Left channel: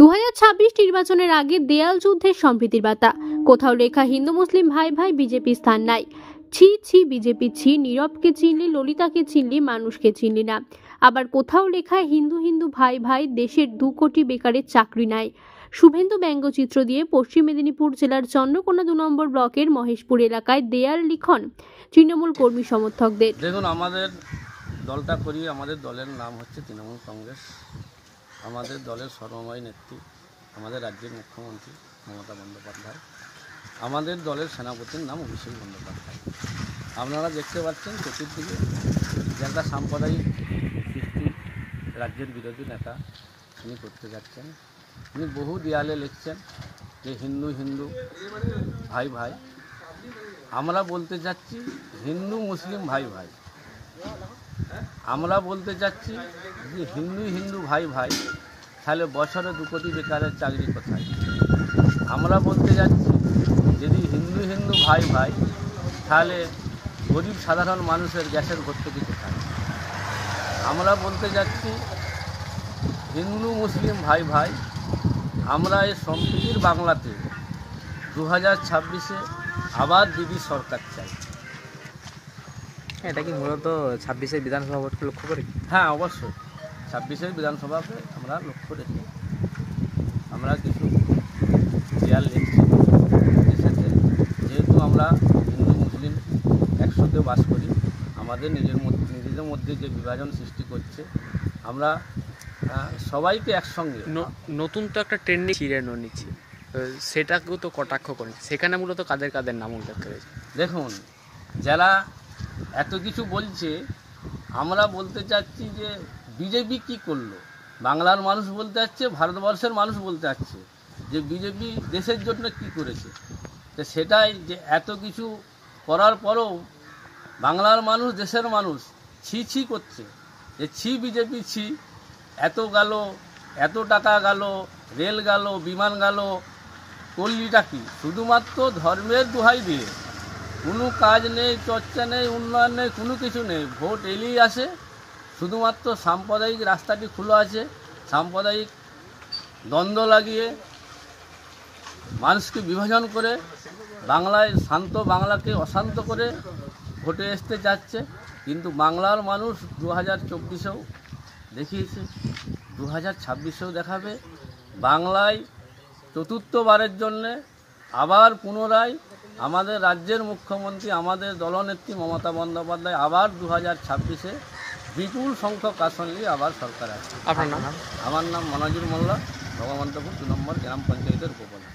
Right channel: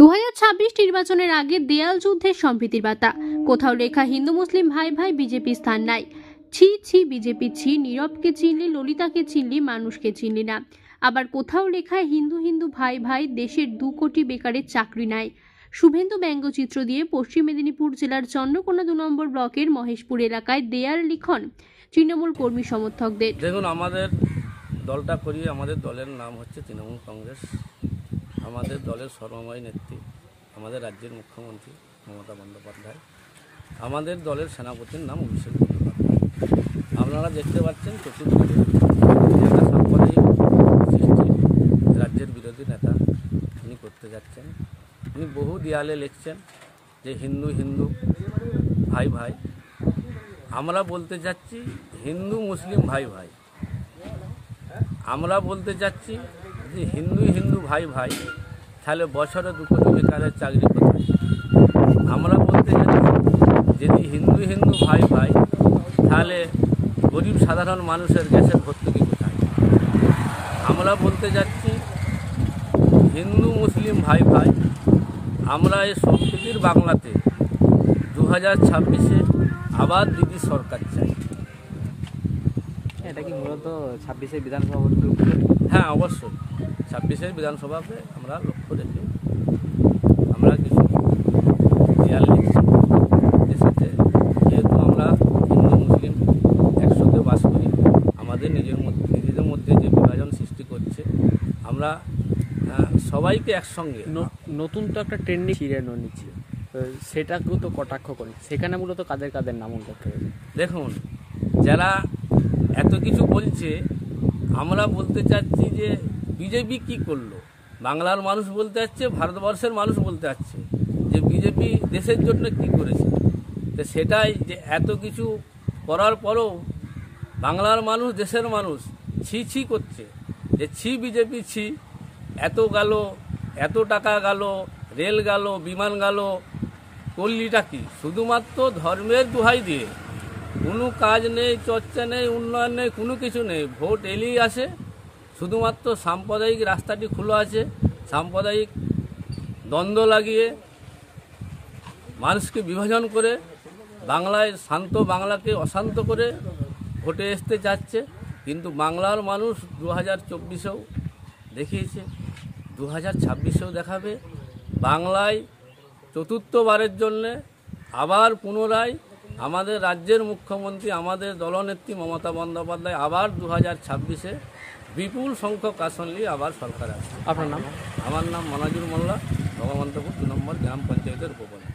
2026 নির্বাচনের আগে দেয়াল যুদ্ধের সম্প্রীতির বার্তা। কোথাও লেখা হিন্দু মুসলিম ভাই ভাই বিজেপি স্থান নাই। ছি ছি বিজেপি ছি, নীরবকে চিনলি, ললিতাকে চিনলি, মানুষকে চিনলি না। আবার কোথাও লেখা হিন্দু হিন্দু ভাই ভাই, দেশের 2 কোটি বেকারের চাকরি নাই। শুভেন্দু ব্যঙ্গচিত্র দিয়ে পশ্চিম মেদিনীপুর জেলার চন্দ্রকোনা 2 নম্বর ব্লকের মহেশপুর এলাকায় দেয়াল লিখন তৃণমূল কর্মী সমর্থকদের। দেখুন, আমাদের দলটা করি, আমাদের দলের নাম হচ্ছে তৃণমূল কংগ্রেস। আমাদের দলের সর্বময় নেত্রী আমাদের রাজ্যের মুখ্যমন্ত্রী মমতা বন্দ্যোপাধ্যায়। আমাদের দলের সেনাপতির নাম অভিষেক বন্দ্যোপাধ্যায়। আপনারা দেখতে পাচ্ছেন চতুর্দিকে নেতা সাম্প্রদায়িক রাজ্যের বিরোধী নেতা তিনি করতে যাচ্ছেন। তিনি বহু দেয়ালে লিখছেন যে হিন্দু হিন্দু ভাই ভাই। আমরা বলতে যাচ্ছি হিন্দু মুসলিম ভাই ভাই। আমরা বলতে যাচ্ছি যে হিন্দু হিন্দু ভাই ভাই, তাহলে বছরে 2 কোটি বেকারের চাকরি কোথায়? আমরা বলতে যাচ্ছি যদি হিন্দু হিন্দু ভাই ভাই, তাহলে গরিব সাধারণ মানুষের গ্যাসের ভর্তুকি কোথায়? আমরা বলতে যাচ্ছি হিন্দু মুসলিম ভাই ভাই। আমরা এই সম্প্রীতির বাংলাতে 2026-এ আবার দিদি সরকার চাই। এটা কি মূলত 26-এর বিধানসভা ভোট লক্ষ্য করে? হ্যাঁ, অবশ্যই 26-এর বিধানসভাকে আমরা লক্ষ্য রেখে আমরা কিছু দেয়াল লিখছি। যেহেতু আমরা হিন্দু মুসলিম একসাথে বাস করি, আমাদের নিজেদের মধ্যে যে বিভাজন সৃষ্টি করছে, আমরা সবাইকে একসঙ্গে নতুন তো একটা ট্রেন্ডিং ছিড়ানো নিচ্ছে, সেটাকেও তো কটাক্ষ করে। সেখানে মূলত কাদের কাদের নাম উল্লেখ করেছে? দেখুন, যারা এত কিছু বলছে, আমরা বলতে চাচ্ছি যে বিজেপি কি করলো। বাংলার মানুষ বলতে চাচ্ছে, ভারতবর্ষের মানুষ বলতে চাচ্ছে যে বিজেপি দেশের জন্য কি করেছে। তো সেটাই যে এত কিছু করার পরেও বাংলার মানুষ, দেশের মানুষ ছি ছি করছে যে ছি বিজেপি ছি। এত গেল, এত টাকা গেল, রেল গেল, বিমান গেল, করলিটা কি? শুধুমাত্র ধর্মের দোহাই দিয়ে কোনো কাজ নেই, চর্চা নেই, উন্নয়ন নেই, কোনো কিছু নেই। ভোট এলেই আসে, শুধুমাত্র সাম্প্রদায়িক রাস্তাটি খোলা আছে। সাম্প্রদায়িক দ্বন্দ্ব লাগিয়ে মানুষকে বিভাজন করে বাংলায় শান্ত বাংলাকে অশান্ত করে ভোটে আসতে যাচ্ছে। কিন্তু বাংলার মানুষ 2024-এও দেখিয়েছে, 2026-এও দেখাবে। বাংলায় চতুর্থবারের জন্যে আবার পুনরায় আমাদের রাজ্যের মুখ্যমন্ত্রী, আমাদের দলনেত্রী মমতা বন্দ্যোপাধ্যায় আবার 2026-এ বিপুল সংখ্যক আসন নিয়ে আবার সরকার আসবে। আপনার নাম? আমার নাম মনাজুর মোল্লা, ভগবন্তপুর 2 নম্বর গ্রাম পঞ্চায়েতের উপপ্রধান।